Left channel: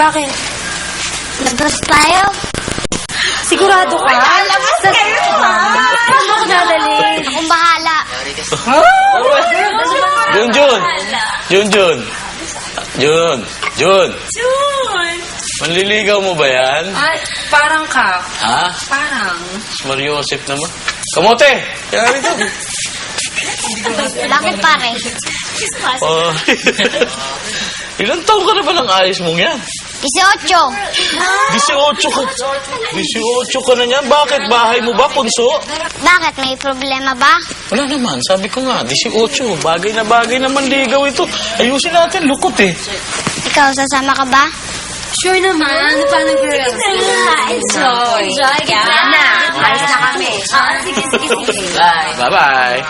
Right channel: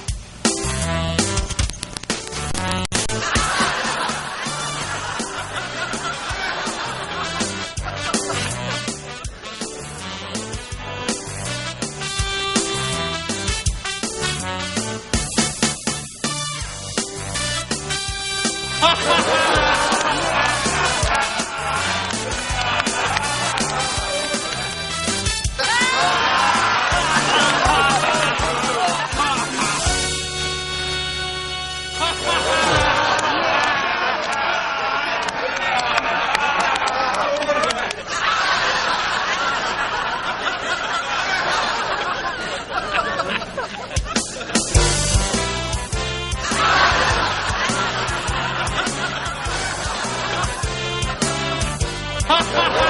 Bakit? Labas tayo. Sigurado ka? Labas kayo, ha? Saan mo ako dadalhin? Akong bahala. Junjun! Junjun! Jun! Jun! Jun! Manliligaw mo ba yan? Ay, parang ka. Ha? Mariosip naman. Kamote! Kaya rito. Bakit pare? Oh. Ilang taon ka na ba ng ayos mong yan? 18. 18 ka. 18 ka na yan. Bakit? Bahay mo ba, punso? Bakit? May problema ba? Wala naman. Sabi ko nga, 18. Bagay na manligaw ito. Ayusin natin. Lukot eh. Ikaw, sasama ka ba? Sure naman. Paano girl? Enjoy. Enjoy, ka? Na. Alis na kami. Sige, sige, sige. Bye. Bye-bye.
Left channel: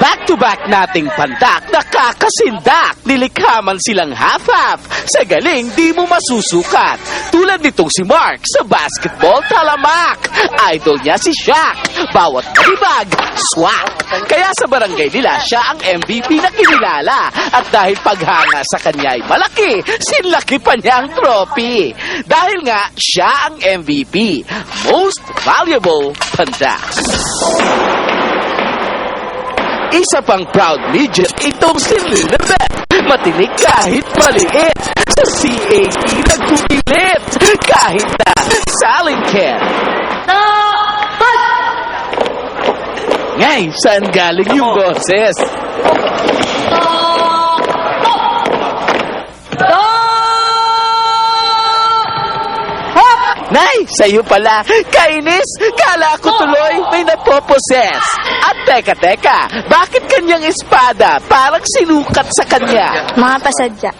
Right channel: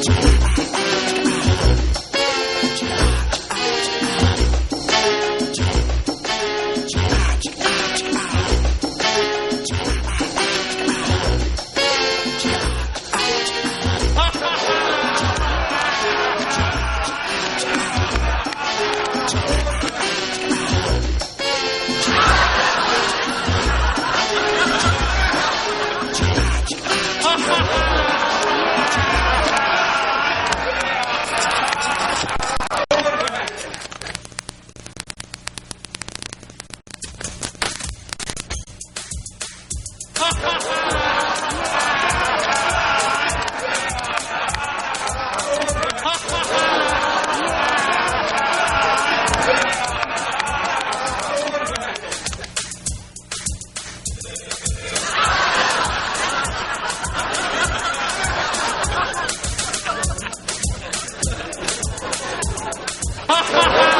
Back-to-back nating pandak, nakakasindak, nilikha man silang hap-hap. Sa galing, di mo masusukat. Tulad nitong si Mark sa basketball talamak. Idol niya si Shaq. Bawat ibag, swak. Kaya sa barangay nila, siya ang MVP na kinilala. At dahil paghanga sa kanya ay malaki, sinlaki pa niya ang trophy. Dahil nga, siya ang MVP. Most Valuable Pandak. Isa pang proud midget itong si Lilibet. Matinig kahit maliit. Sa CAT nagpupilit. Kahit na salin can. Ngayon, saan galing yung boses? Nay, sa'yo pala. Kainis, kala ko tuloy may napoposes. At teka, bakit kanyang espada parang sinukat sa kanya? Mga pasad ka.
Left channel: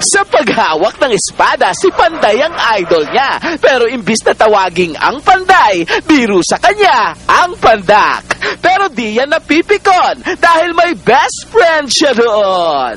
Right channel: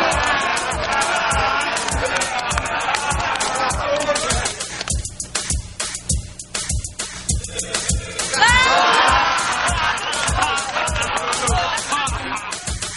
Sa paghawak ng espada, si Panday ang idol niya. Pero imbis na tawaging ang Panday, biro sa kanya ang Pandak. Pero di yan napipikon dahil may best friend siya doon.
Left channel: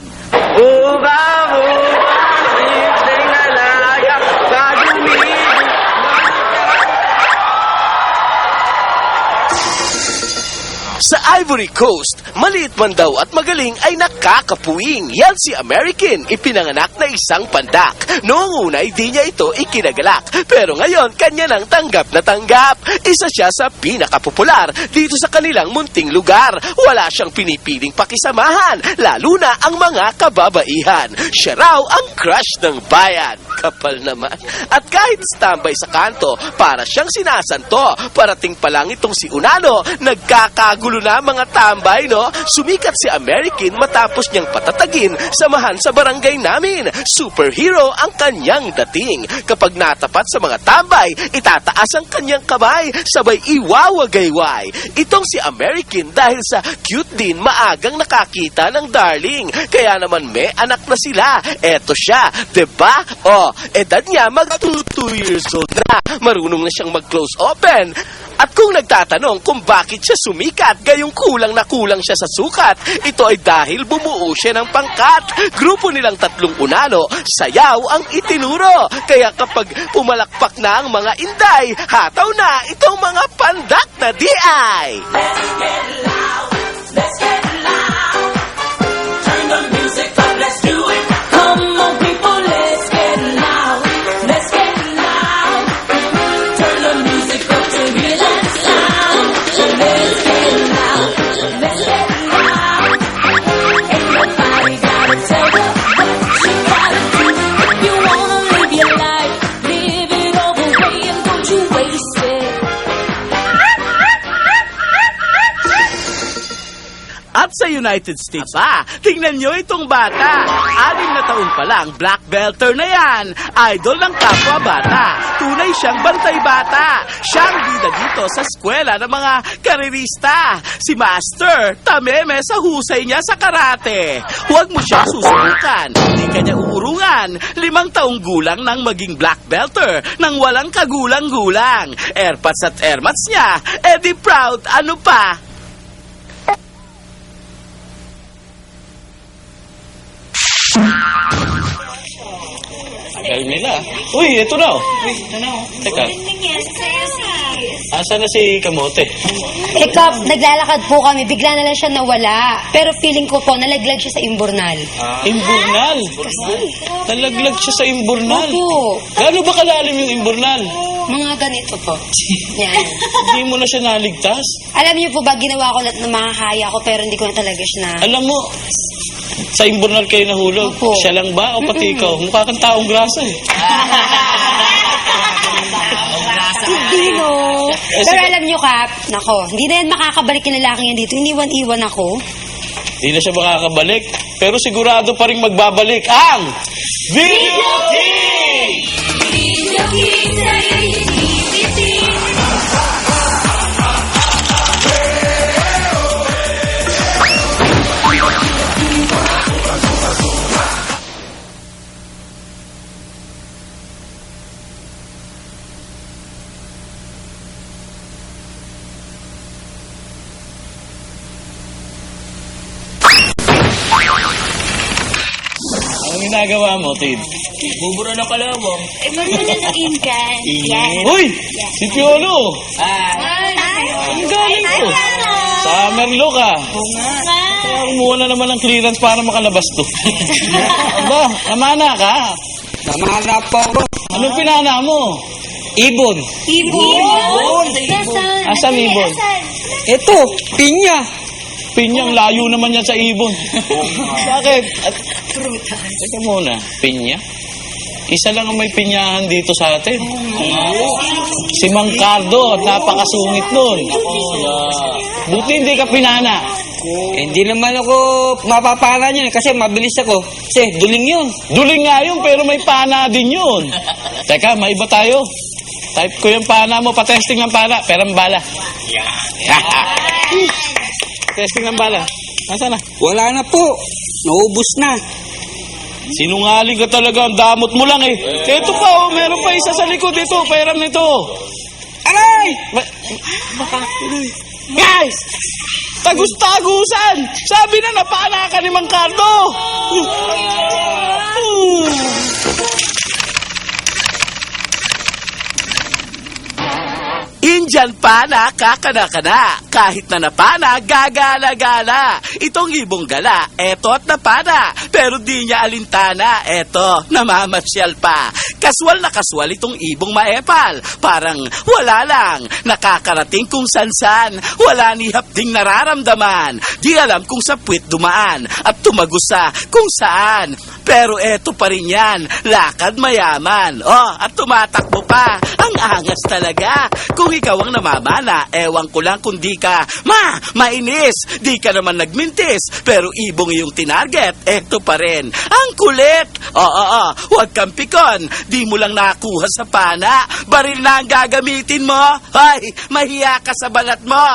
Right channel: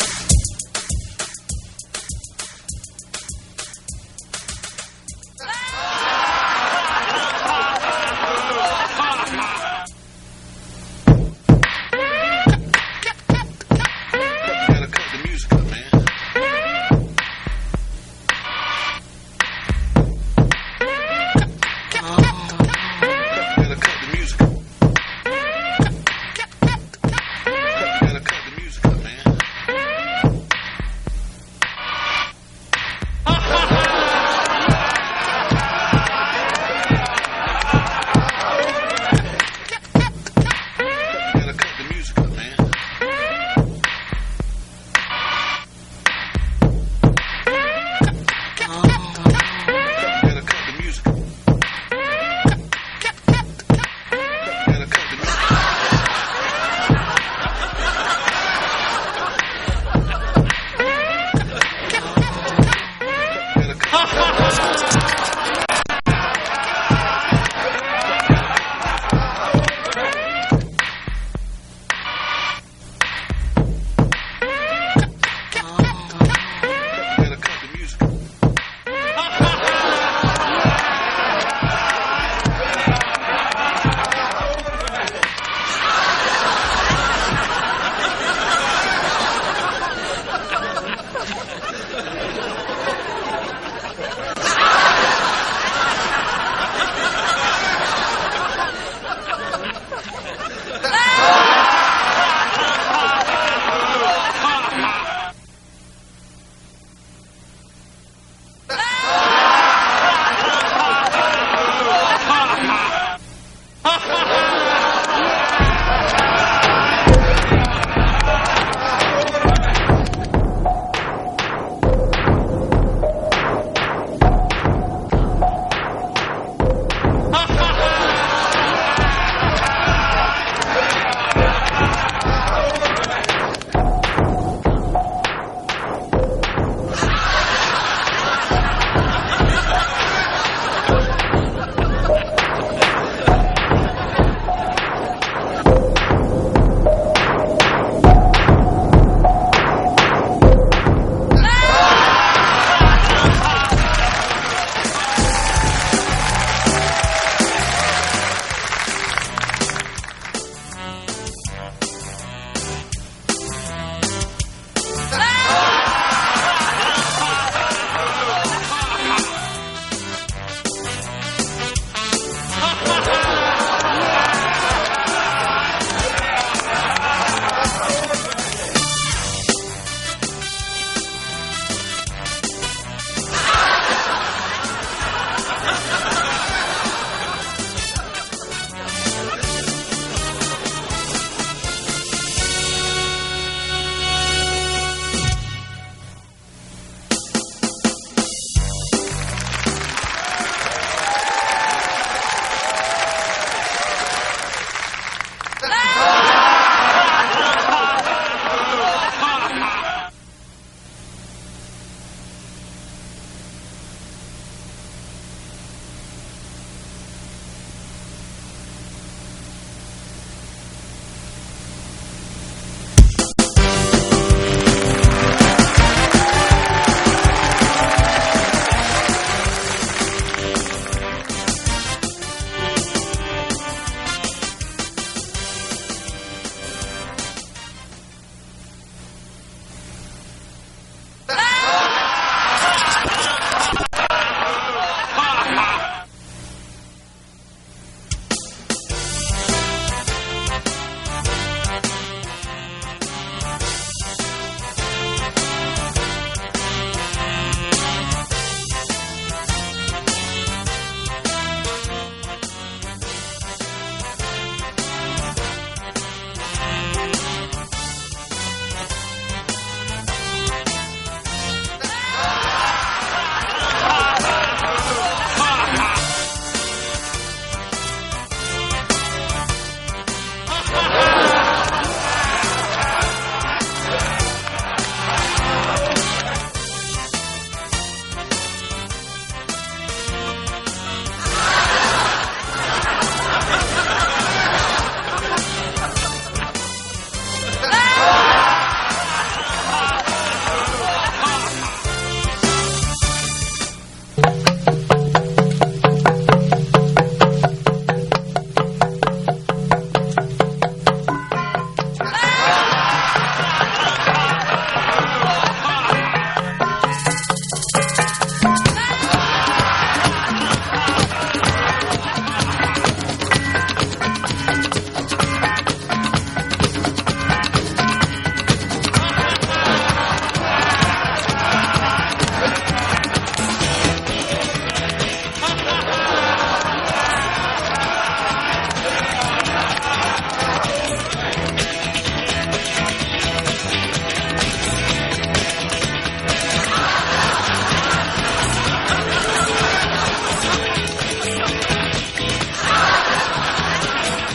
Sa Ivory Coast, maliit man daw at magaling ay nakakapuwing. Yan si American, ipinanganak na isang pandak. Noong una, di niya ito ikinagalak. Pero ngayon, kanya nang tanggap na tanggap. Isa siya sa pinakapopular dito sa kanilang munting lugar. Wala siyang pinipiling pakisamahan, lalo na ang mga kababaihan. Siya raw ang crush ng bayan. Kapal naman. At kahit standby sa kanto, para siyang sinasanto. Parating pa lang itong si Unano, nagkakagulo na mga tambay, no? Sumikat si American matapos niyang patatagin samahan sa barangay namin. Superhero ang kanyang dating. Kapag natapat sa mga tambay, itataas ang kanyang kamay, sabay iwawagayway. Itong si American dahil sa cute din, maagang nakakita ng darling. Kaya naman may anak na sila. Eto siya, diba? O, edad niya mag 2 years old na. Marunong na siyang mag-close open. At kung nagtatanong kung bakit siya sumikat, gayong kulang na kulang siya sa sukat, ito ay dahil bumuo siya ng pangkat. Grupo nilang 3 Unano, sayaw ang itinuro. Kaya kapag pumalakpak na ang mga inday, hataw na itong mga pandak na di-ay. United States. Tingnan nyo itong bata. 6 na taon pa lang, black belter na yan. Idol ng kapwa bata. Tunay siyang bantay bata. Siya ang bida dito sa eskwela ng mga karerista. Si Master, tameme sa husay niya sa karate. Huwag mo siyang susubukan. Hindi kanya uurungan. 5 taong gulang nang maging black belter nang walang kagulang-gulang. Airpods at airmats niya. Eddie proud, ano pa? Uy, ito daw. Teka. Asan na si Kamote? Eh, Kap, naglalakad po kami. Bigla na lang siya nawala. Pero feeling ko po, nalaglag siya sa imburnal. Imburnal. Nalaglag siya sa imburnal. Opo. Gaano ba kalalim yung imburnal? Mga ganito po. Hindi mo na siya naligtas? Alam niyo po ba, ginawa ko lahat ng mga haya ko pero hindi ko na talaga siya na... Alam mo, sa imburnal kayo nahulog. Opo. Siya lang ba o pati ikaw? Mukha kang taong grasa eh. Hindi, no. Pero alam niyo, Kap, nako, hindi na yan makakabalik yung lalaki yan dito. Iniwan-iwan ako. Hindi na siya makakabalik. Pero sigurado pa rin magbabalik ang Video King! Ginagawa mo, Tim? Tubo na pala ako. Eh, marunong na inggan. Yes. Uy! Si Piolo! Ang galing to. Summer look ah. Kaya kumuha na naman ng clearance para makalabas to. Aba, namana ka. Namana po ako. Anong pinana mo? Ibon. Ibon. Asan ibon? Ito, pinya. Pinyang layo naman yan sa ibon. Bakit? Ito muna, pinya? Isa lang ang may pinyahan dito sa atin. Si Mang Cardo, napakasungit nun. Buti hindi ka pinana. Hindi naman ako mapapala niyan kasi mabilis ako. Kasi duling yun. Duling nga yun, pero may pana din yun. Teka, may iba tayo. Type ko yung pana mo, patesting ang pana. Perang bala. Testing ang bala. Nasaan na? Wala na po. Naubos na. Sinungaling ka talaga, ang damot mo lang eh. Ito pa oh, meron pa isa sa likod ito, pairam nito. Aray! Guys! Tagus-tagusan! Sabi na napana ka ni Mang Cardo! Indian pana, kakana-kana. Kahit na napana, gagala-gala. Itong ibong gala, eto't napana. Pero di niya alintana, eto, namamasyal pa. Kaswal na kaswal itong ibong maepal. Parang wala lang, nakakarating kung san-san. Wala ni hapding nararamdaman. Di alam kung sa puwit dumaan at tumagos sa kung saan. Pero eto pa rin yan, lakad mayaman. Oh, at tumatakbo pa, ang angas talaga. Kung ikaw ang namamana, ewan ko lang kung di ka mainis. Di ka naman nagmintis, pero ibong iyong tinarget, eto pa rin. Ang kulit! Oo, huwag kang pikon. Di mo lang nakuha sa pana. Baril na ang gagamitin mo. Ay, mahiya ka sa balat mo.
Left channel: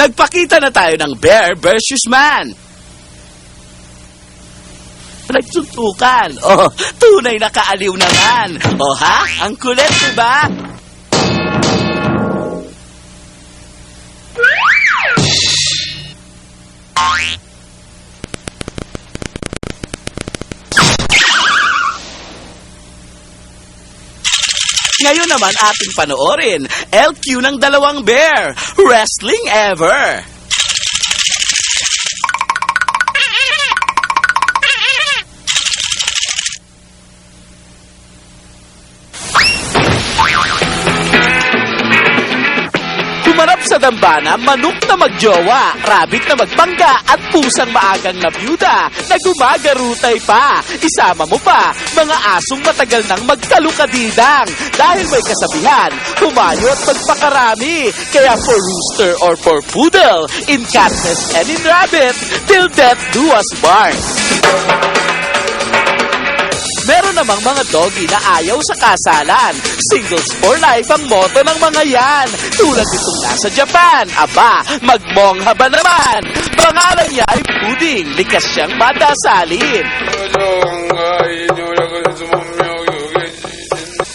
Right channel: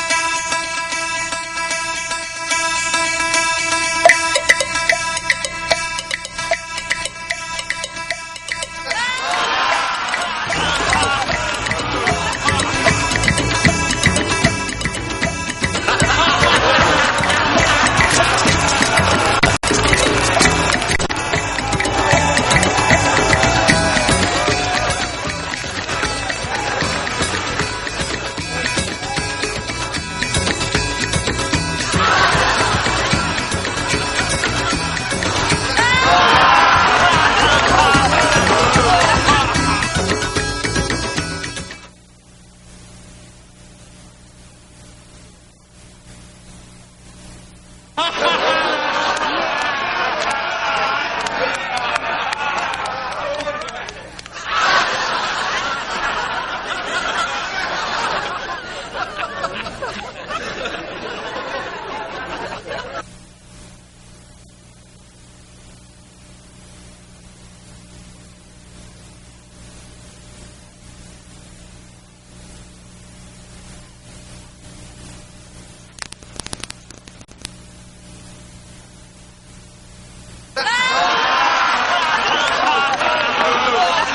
Nagpakita na tayo ng bear versus man. Nagsuntukan. Oh, tunay na kaaliw naman. Oh ha? Ang kulit, diba? Ngayon naman ating panoorin, LQ ng dalawang bear. Wrestling ever. Humarap sa dambana, manok na magjowa, rabbit na magpangga, at pusang maagang nabuda na gumagarutay pa. Isama mo pa, mga asong matagal nang magkalukadidang. Dahil may kasabihan, tumayo at magpakarami. Kaya for rooster or for poodle, in catness and in rabbit, till death do us part. Meron namang mga doggy na ayaw sa kasalan. Singles for life ang motto ng mga yan. Tulad itong nasa Japan. Aba, magmongha ba naman? Pangalan niya ay Puding. Likas siyang madasalin.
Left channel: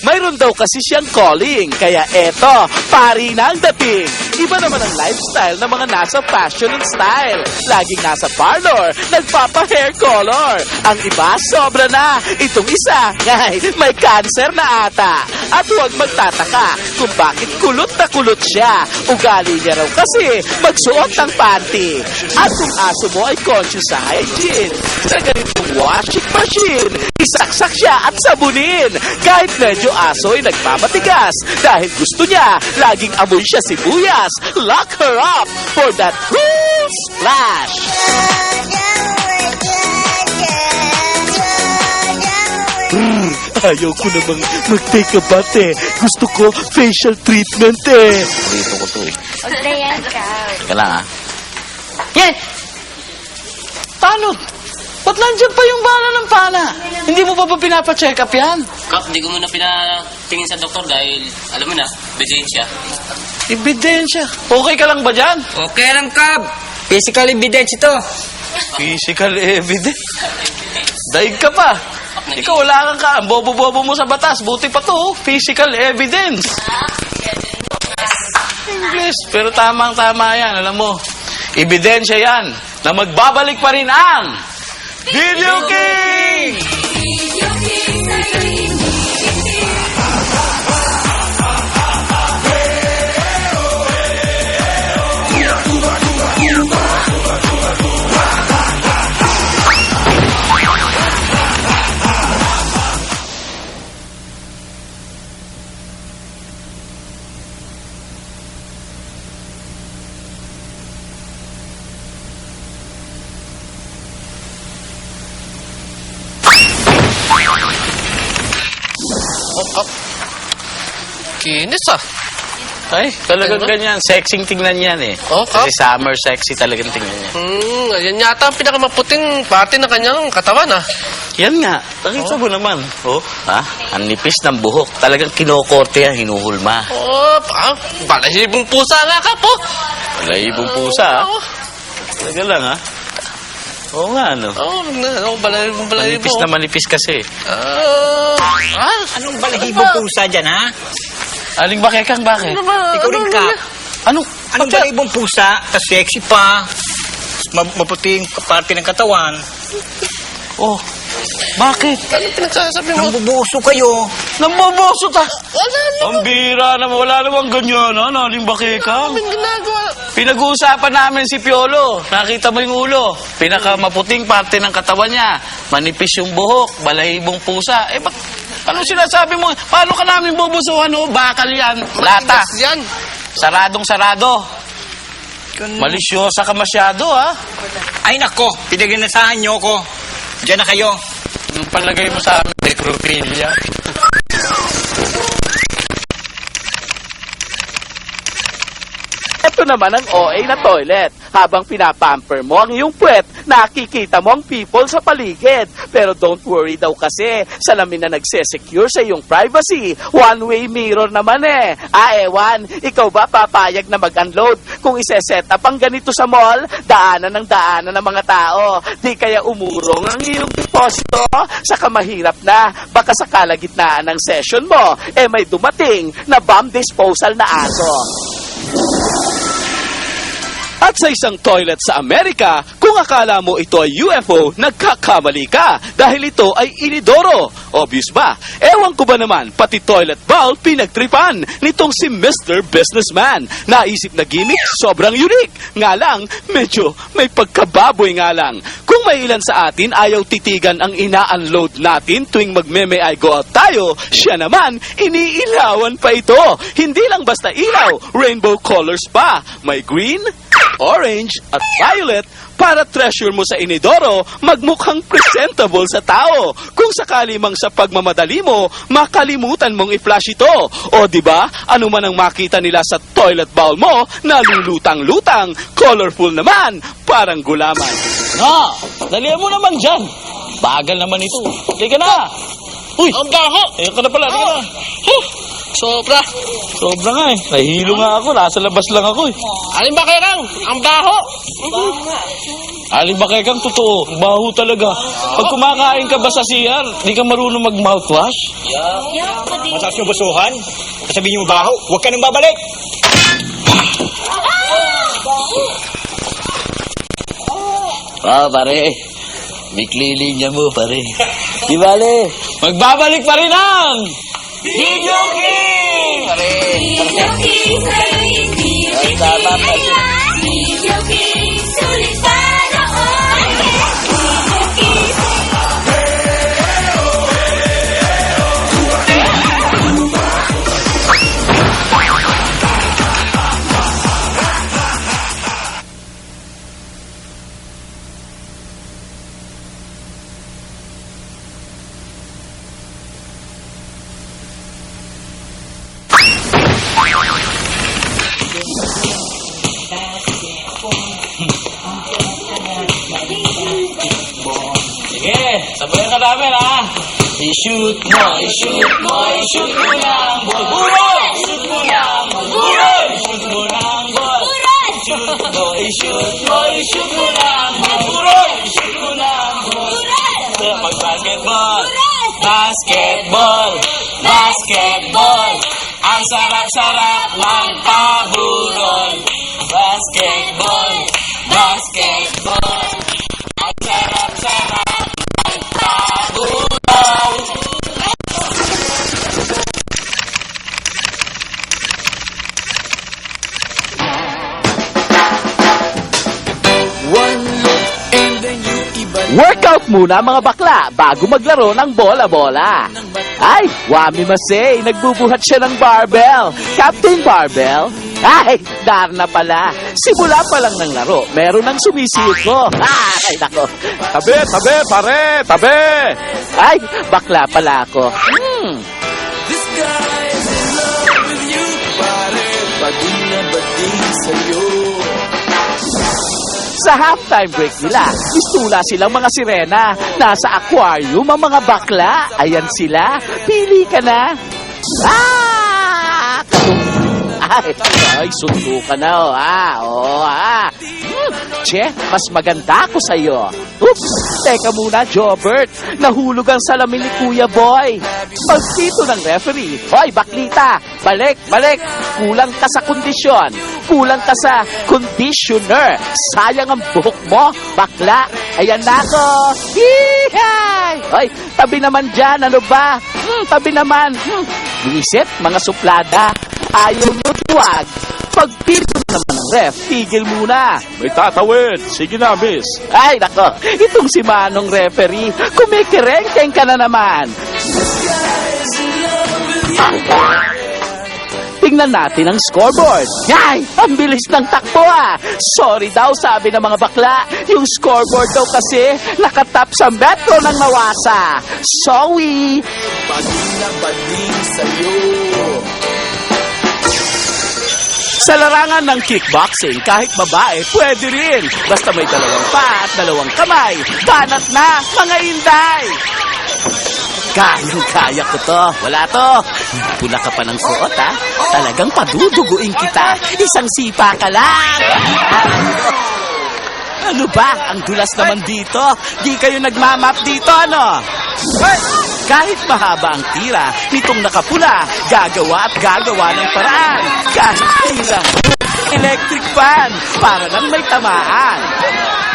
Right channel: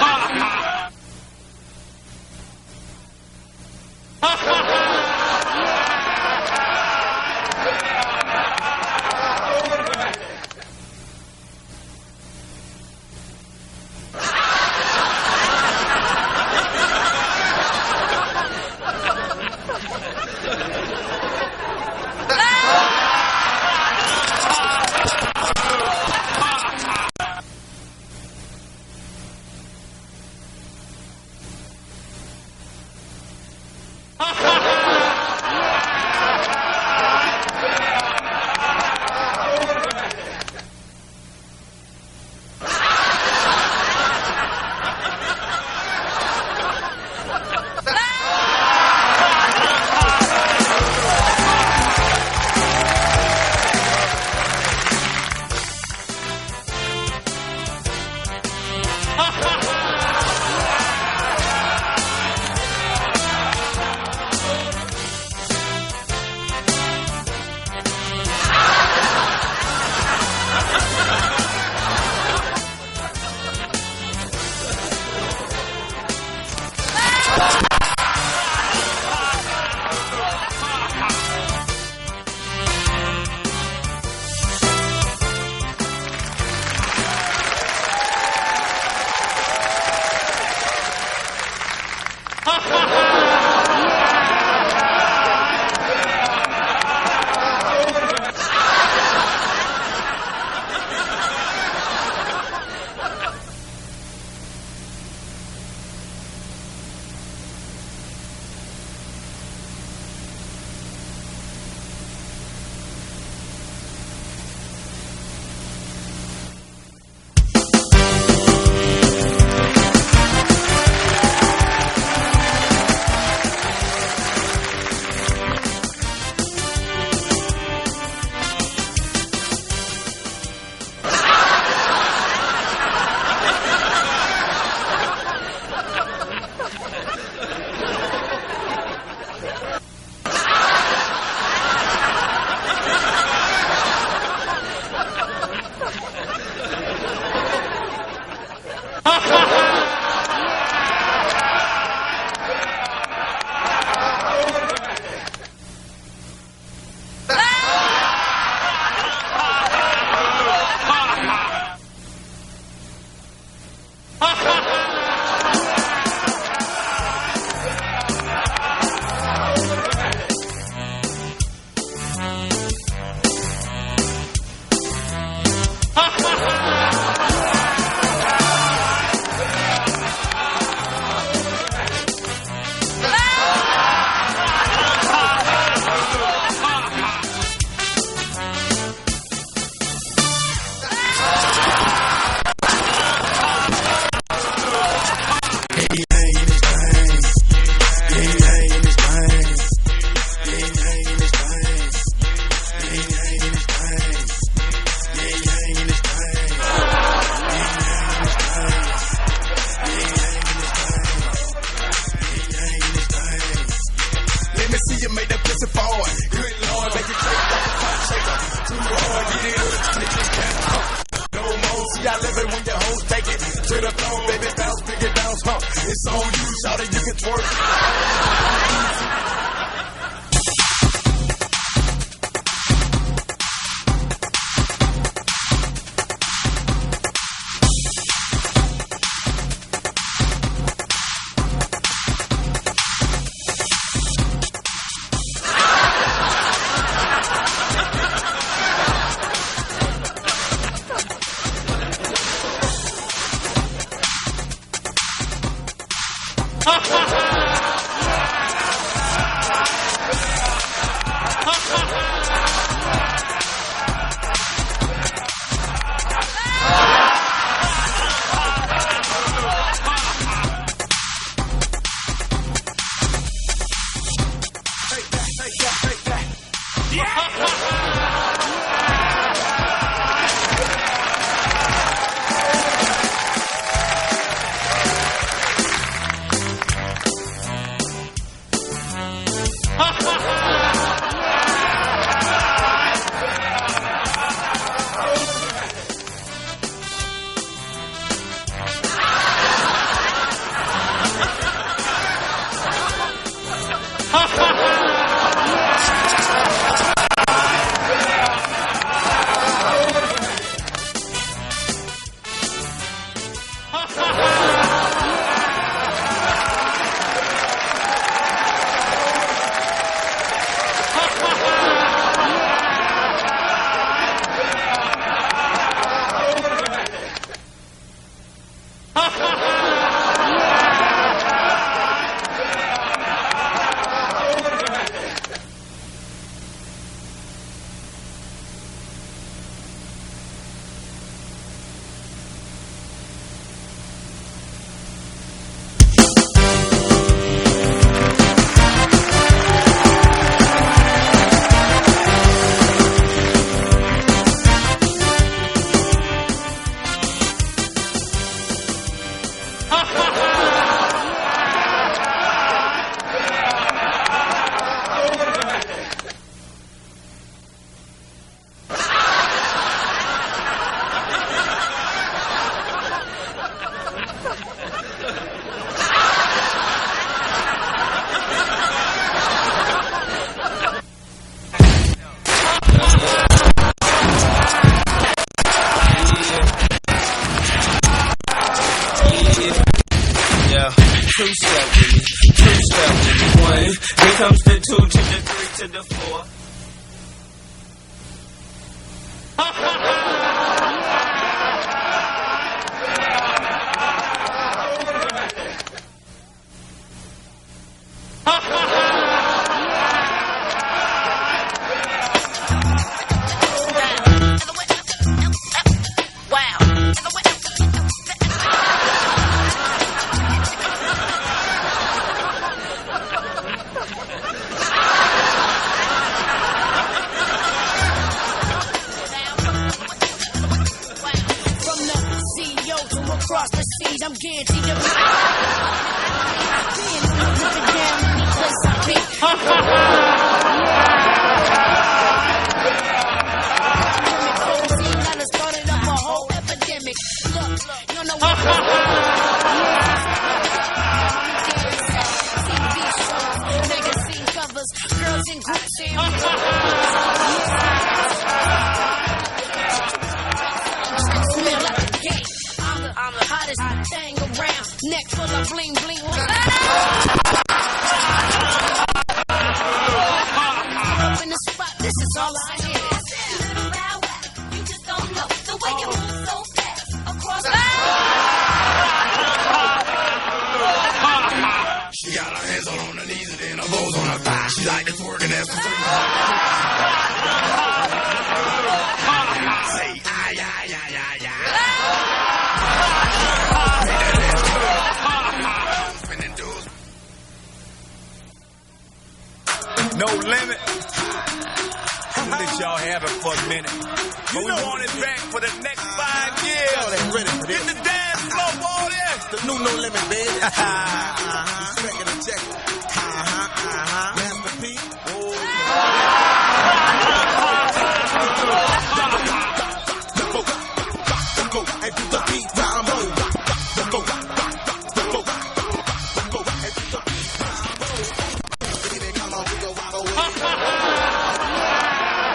May Mayroon daw kasi siyang calling, kaya eto, pari na ang dating. Iba naman ang lifestyle ng mga nasa fashion and style. Laging nasa parlor, nagpapa-hair color. Ang iba, sobra na. Itong isa, may cancer na ata. At huwag magtataka kung bakit kulot na kulot siya. Ugali niya raw kasi magsuot ng panty. At kung aso mo ay conscious sa hygiene, sa ganitong washing machine, isaksak siya at sabunin. Kahit medyo aso ay nagmamatigas dahil gusto niya, laging amoy siya sibuyas. Lock her up for that cool splash. Ayaw ko namang mag-take a bath eh. Gusto ko facial treatment eh. Kailangan ha? Yan! Paano? Ba't nandiyan pa yung bala ng pana? Hindi mo pa pinapacheck up yan? Kap, hindi ko muna pinatingin sa doktor dahil, alam mo na, ebidensya. Ebidensya. Okay ka lang ba dyan? Okay lang, Kap. Physical evidence ito. Physical evidence. Daig ka pa. Ikaw wala kang ka. Ang bobo-bobo mo sa batas. Buti pa to. Physical evidence. English. Pero tamang-tama yan. Alam mo, ebidensya yan na magbabalik pa rin ang Video King! Inis ah. Ay, talagang ganyan. Sexing tingnan yan eh. Oh, Kap? Kasi summer sexy talagang tingnan yan. Yan yata ang pinakamaputing parte ng kanyang katawan ah. Yan nga. Pakita mo naman. Oh, ha? Ang nipis ng buhok. Talagang kinokorte yan, hinuhulma. Oh, balahibong pusa nga, Kap oh. Laibong pusa, ha? Taga lang, ha? Oo nga, ano? Balahibong. Manipis na manipis kasi. Ano ba ibang pusa dyan, ha? Aling bakekang, bakit? Ikaw rin, Kap. Ano? Anong ba ibang pusa? Tas sexy pa. Maputing parte ng katawan. Oh, bakit? Ano pinagsasabi mo? Nambubuso kayo. Namboboso ta. Ang bira naman. Wala namang ganyan, ha? Aling bakekang. Pinag-uusapan namin si Piolo. Nakita mo yung ulo. Pinakamaputing parte ng katawan niya. Manipis yung buhok. Balahibong pusa. Eh, ano sinasabi mo? Paano ka namin bubusuhan, oh? Bakal yan. Lata. Yan. Saradong-sarado. Malisyosa ka masyado, ha? Ay, nako. Pinaginasahan niyo ko. Diyan na kayo. Yung palagay mo sa amin, trivia. Ito naman ang OA na toilet. Habang pinapamper mo ang iyong puwet, nakikita mo ang people sa paligid. Pero don't worry daw kasi, salamin na nagsesecure sa iyong privacy. One-way mirror naman eh. Ewan, ikaw ba papayag na mag-unload? Kung iseset up ang ganito sa mall, daanan ng mga tao. Di kaya umurong ang iyong kosto? Saka mahirap na. Baka sa kalagitnaan ng session mo, may dumating na bomb disposal na aso. At sa isang toilet sa Amerika, kung akala mo ito ay UFO, nagkakamali ka dahil ito ay inidoro. Obvious ba? Ewan ko ba naman, pati toilet bowl pinagtripan nitong si Mr. Businessman. Naisip na gimmick, sobrang unique. Nga lang, medyo may pagkababoy nga lang. Kung may ilan sa atin ayaw titigan ang ina-unload natin tuwing magme-may I go out tayo, siya naman, iniilawan pa ito. Hindi lang basta ilaw, rainbow colors pa. May green, orange at violet para treasure mo sa inidoro magmukhang presentable sa tao. Kung sakali mang sa pagmamadali mo, makalimutan mong i-flash ito. O di ba? Ano man ang makita nila sa toilet bowl mo, nalulutang-lutang, colorful naman, parang gulaman. Na, dalihan mo naman dyan. Bagal naman ito. Sige na. Uy, Ang baho! ito na pala. Ito na. Sobra. Sobra nga eh. Nahihilo nga ako. Nasa labas lang ako eh. Alin ba kayo lang? Ang baho! Aling bakekang totoo. Baho talaga. Pag kumakain ka ba sa CR, di ka marunong mag-mouthwash? bukas na gusuhan, sabihin mo baho, huwag ka nang babalik. Pare. Bikli linya mo, pare. Di bale, magbabalik pa rin ang... Sabayan ka namin, ha? I-shoot mo, i-shoot mo, i-shoot mo lang. Burol! I-shoot mo lang. Burol! I-shoot mo lang. I-shoot mo, i-shoot mo, i-shoot mo lang. Burol! I-shoot mo lang. Basketball! Basketball! Basketball! Ang sarap-sarap ng pabudol. Basketball! Basketball! Workout muna mga bakla bago maglaro ng bola-bola. Ay, Wami Masay, nagbubuhat siya ng barbell. Captain Barbell? Ay, dar na pala. Simula pa lang ng laro, meron ng sumisiko. Ay, ako. Tabi, tabi, pare, tabi. Ay, bakla pala ako. Sa halftime break nila, istula silang mga sirena. Nasa aquarium ang mga bakla. Ayan sila. Pili ka na. Ay, sundo ka na, Che, mas maganda ako sa'yo. Oops! Teka muna, Jobert. Nahulog ang salamin ni Kuya Boy. Pagtito ng referee. Hoy, baklita! Balik, balik! Kulang ka sa kondisyon. Kulang ka sa conditioner. Sayang ang buhok mo, bakla. Ayan na ako. Yeehay! Hoy, tabi naman dyan. Ano ba? Tabi naman. Isip, mga suplada. Ayaw mo tuwag. Pagtito naman, ref, tigil muna. Itatawid. Sige na, miss. Ay, nako. Itong si Manong referee, kumikirengkeng ka na naman. Tingnan natin ang scoreboard. Ay, ang bilis ng takbo Sorry daw, sabi ng mga bakla. Yung scoreboard daw kasi nakatap sa metro ng nawasa. Sorry. Sa larangan ng kickboxing, kahit babae, pwede rin. Basta may dalawang pa at dalawang kamay. Banat na, mga inday! Kaya ko to. Wala to. Pula ka pa ng suot, Talagang paduduguin kita. Isang sipa ka lang. Ano ba? Ang dulas naman dito. Di kayo nagmamap dito, ano? Kahit mahaba ang tira, pitong nakapula, gagawa at gagawa ng paraan. Kahit tira, electric fan, para lang may tamaan.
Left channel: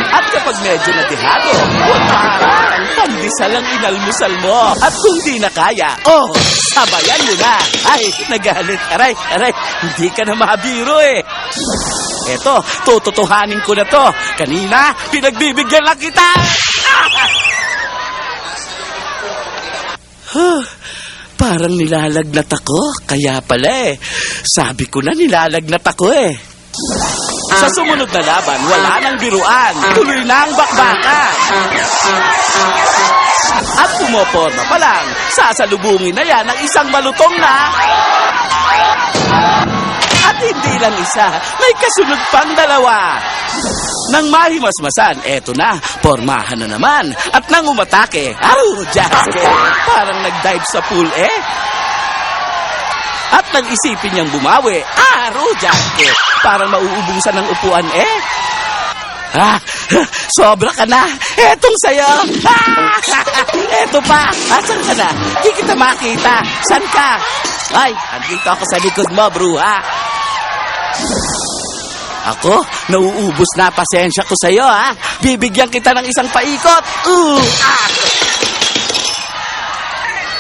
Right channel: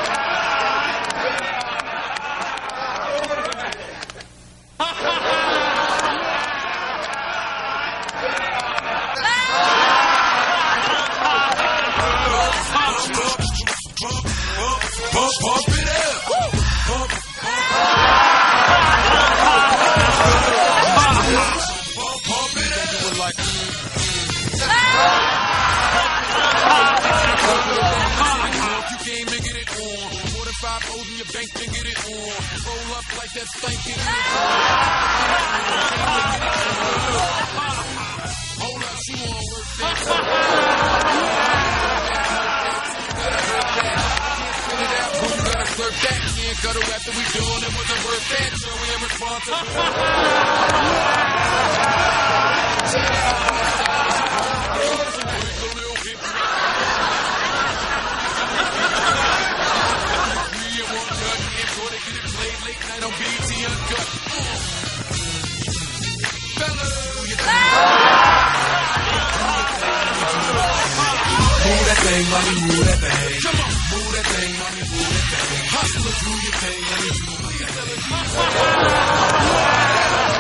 At kapag medyo nadihado, huwag maharang, pandesal ang inalmusal mo. At kung di na kaya, sabayan mo na. Ay, nagalit. Aray, hindi ka na mabiro Eto, tututuhanin ko na to. Kanina, pinagbibigyan lang kita. Parang nilalagnat ako. Kaya pala Sabi ko na nilalagnat ako Sa sumunod na laban, wala nang biruan. Tuloy na ang bakbaka. At pumoporma pa lang, sasalubungin na yan ang isang malutong na... At hindi lang isa, may kasunod pang dalawa. Nang mahimasmasan, eto na, pormahan na naman. At nang umatake, Jasper, parang nag-dive sa pool At nang isipin niyang bumawi, Jasper, parang mauubusan ng upuan sobra ka na. Etong sa'yo. Eto pa. Asan ka na? Di kita makita. San ka? Ay, dito ako sa likod mo, bruha. Ako, nauubos na pasensya ko sa'yo, ha? Bibigyan kita ng isang paikot.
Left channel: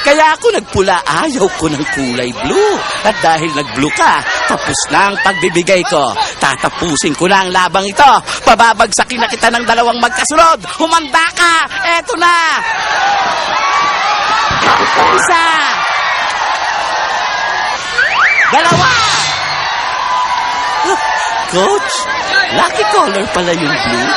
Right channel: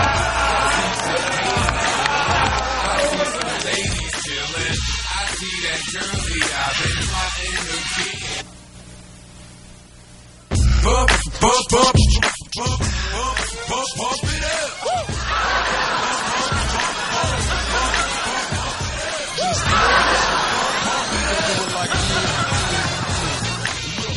Kaya ako nagpula, ayaw ko ng kulay blue. At dahil nag-blue ka, tapos na ang pagbibigay ko. Tatapusin ko na ang labang ito. Pababagsakin na kita ng dalawang magkasunod. Humanda ka! Eto na! Isa! Dalawa! Coach, lucky color pala yung blue.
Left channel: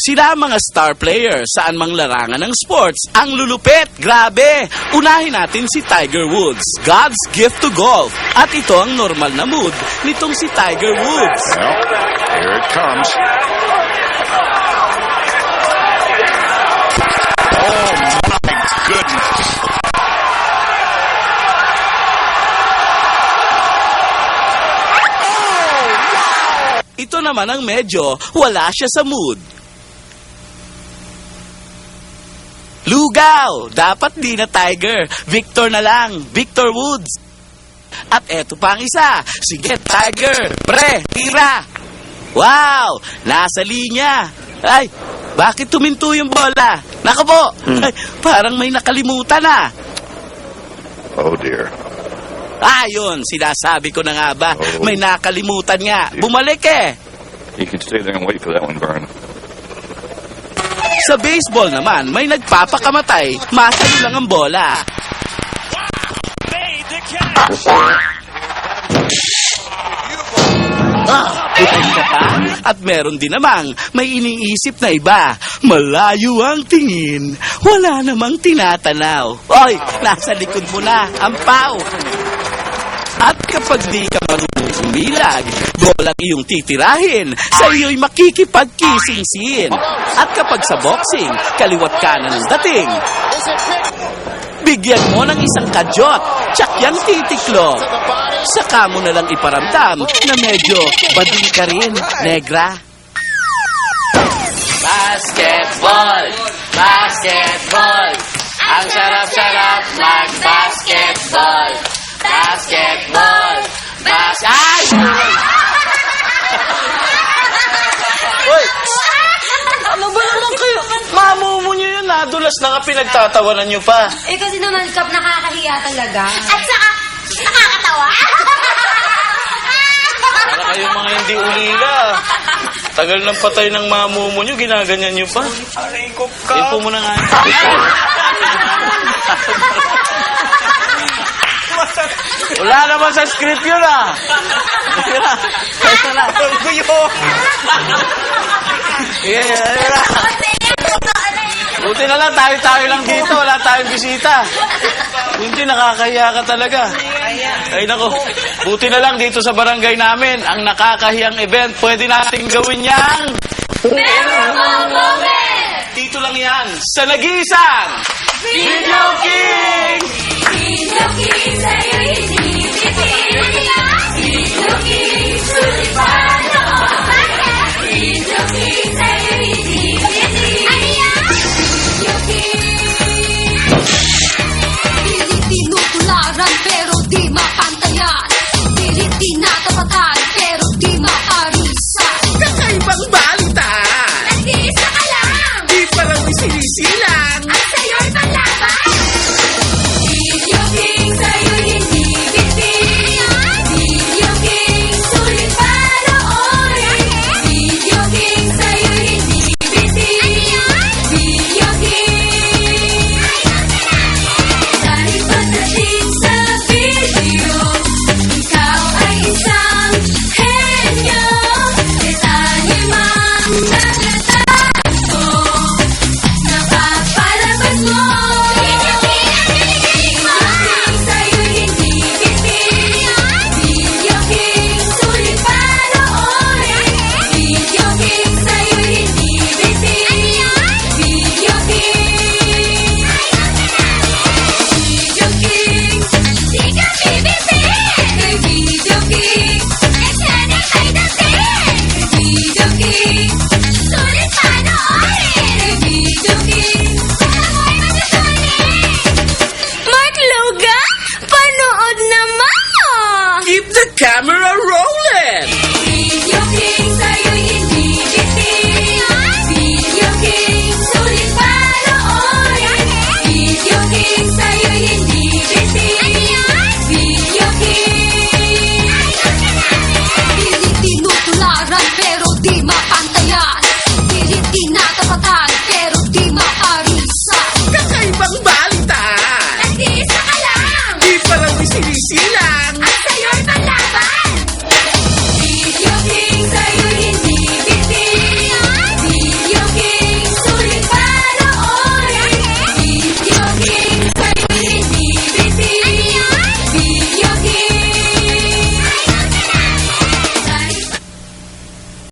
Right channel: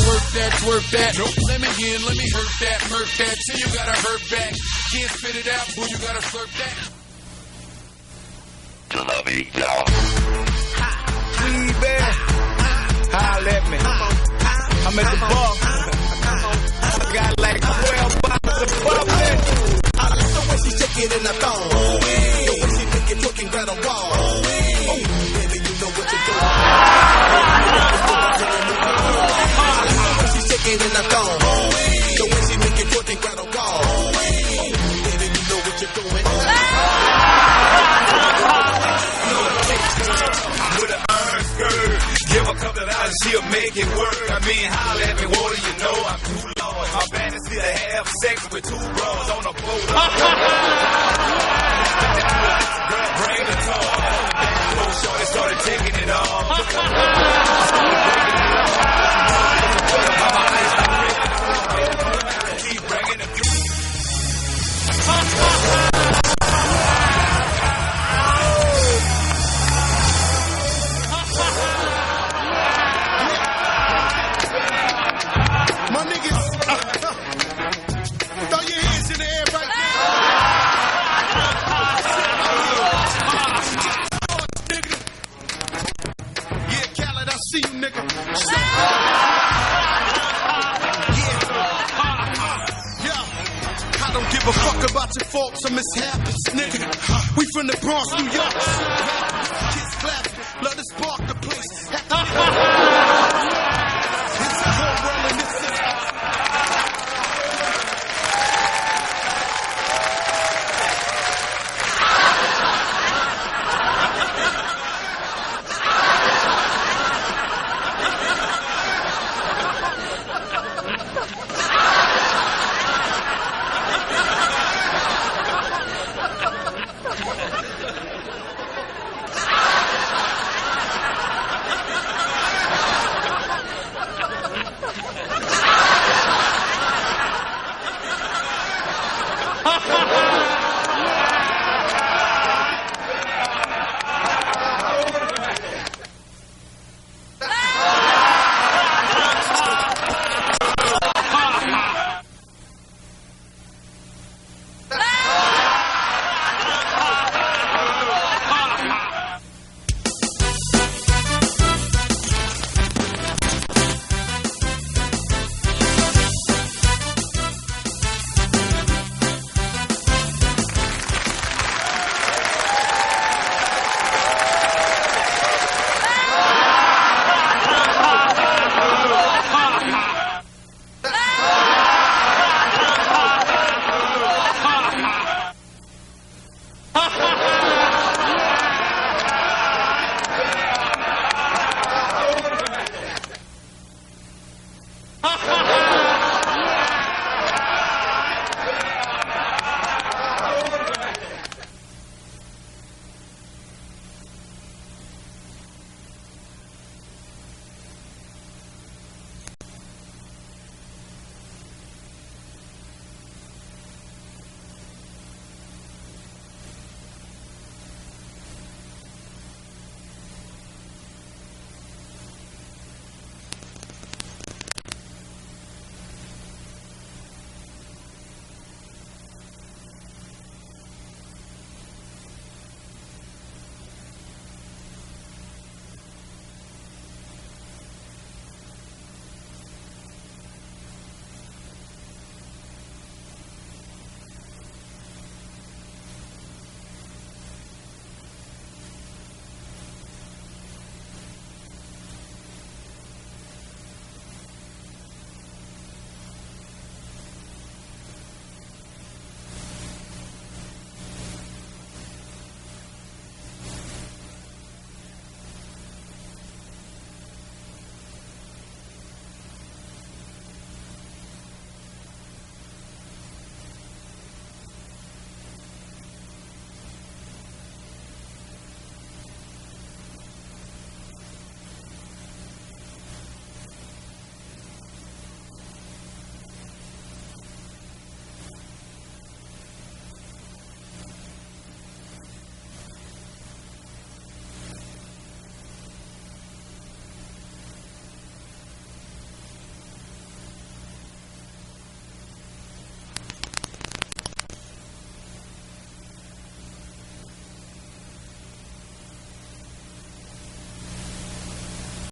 Sila ang mga star players saan mang larangan ng sports. Ang lulupit, grabe! Unahin natin si Tiger Woods, God's gift to golf. At ito ang normal na mood nitong si Tiger Woods. Here it comes. Ito naman ang medyo wala siya sa mood. Lugaw! Dapat di na Tiger. Victor na lang. Victor Woods. At eto pa ang isa. Sige, Tiger. Pre, tira. Wow! Nasa linya. Ay, bakit tuminto yung bola? Naku po! Ay, parang may nakalimutan na. Oh dear. Ayun, sinasabi ko na nga ba, may nakalimutan nga. Bumalik eh. Sa baseball naman, may nagpapakamatay. Masalo lang ang bola. Pupunta ka? At meron din namang may iniisip na iba. Malayo ang tingin. Wala namang tinatanaw. Oy, nasa likod mo na ang pao. At kapag di ka marunong umilag, bolang iyong titirahin, sa iyo'y makikipagkisingsin. At kapag sa boxing, kaliwat kanan ang dating, bigyan mo ng isang kadyot, tsak yan titiklo. Saka mo na lang iparamdam na medyo bading ka rin, negra. Basketball! Basketball! Ang sarap-sarap mag-basketball! Basketball! Ay! Uy! Ano ba naman kayo? Mamumo nyo yun, nadulas na nga pinagtatawanan nyo pa. Eh, kasi nung non-stop nakakahiya talaga. At saka, nakakatawa. Kayong mga hindi ulila. Tagal ng patay ng mamumo nyo, ginaganyan nyo pa. Ipo mo na nga. Wala naman sa script yun ah. Ito na. Buti na lang, tayo-tayo lang dito. Wala tayong bisita. Hindi, nakakahiya ka talaga. Ay nako, buti na lang dito sa barangay namin, ang nakakahiyang event, pwede nating gawin yang... Memorable moment! Dito lang yan, sa nag-iisang... Pinocchio!